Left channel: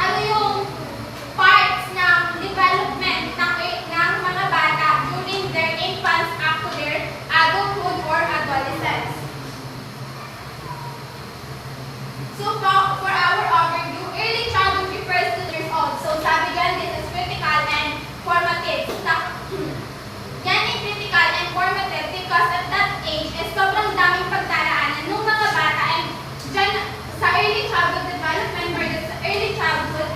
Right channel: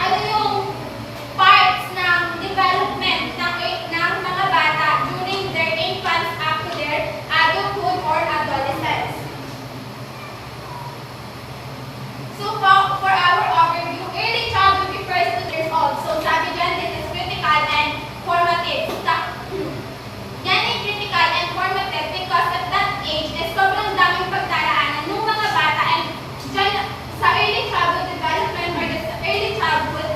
ano yung parts ng development ng mga bata during their infance up to their adulthood or adolescence. So for our overview, early childhood refers to years old. So sabi dyan, this is critical and formative. Yan ay critical and formative because at that age, sobrang daming pagdaraanan ng mga bata, and dyan sa early childhood development or the early childhood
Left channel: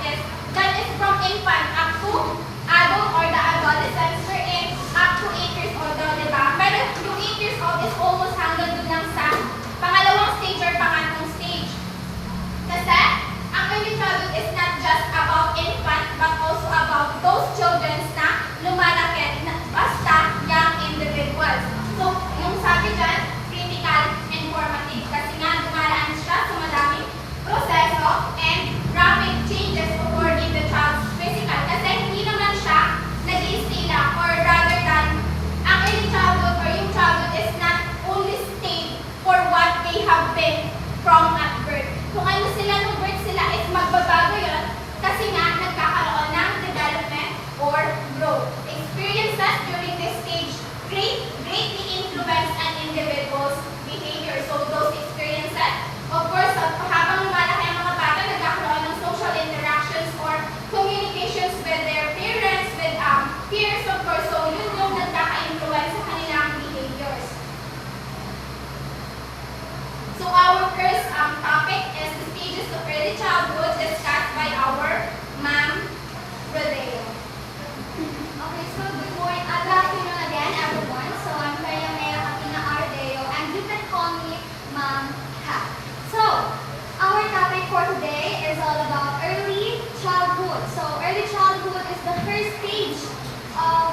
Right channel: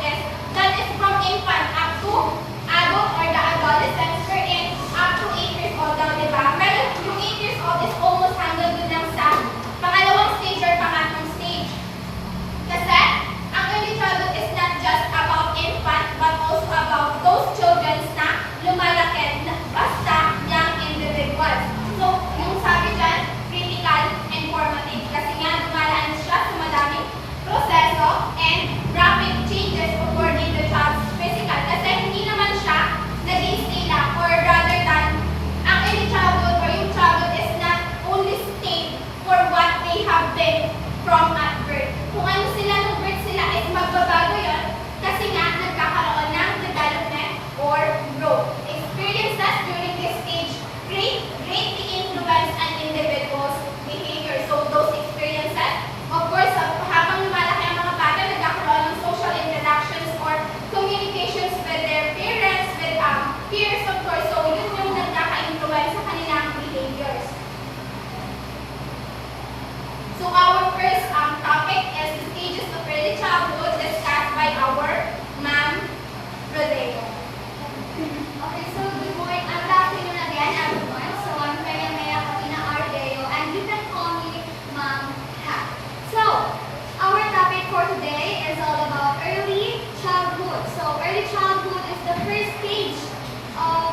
that is from infant up to adult or the adolescence, wherein up to 8 years old daw, diba? Pero yung 8 years old is almost hanggang dun lang sa pangalawang stage or pangatlong stage. Kasi ang early childhood is not just about infant but also about those children na lumalaki na basta young individuals. So, yung sabi dyan, critical and formative kasi nga dumaraan siya sa madaming proseso and rapid changes occur in the child's physical. Kasi hindi naman siya nag-i-stay lang, or rather than ang early childhood or yung childhood is not only stayed for what they have been from at birth. Kung ano sila nung birth sila is magbabago yun kasi nga nagkakaroon ng development or growth. Experiences during this stage greatly influence an individual's behavior. So those experiences, of course, habang lumalaki ang mga bata, nagkakaroon ng social interactions or communications with their parents, with peers, of course. So yun yung nagkaka-influence sa kanilang behaviors. So our first topic is the stages of early childhood discussed by our Ma'am Rodeo. Okay, so good afternoon again, everyone. So I'm Maria Katina Ardeo, and you can call me Ma'am Ha. So our topic for today is all about early childhood. So early childhood is the first stage of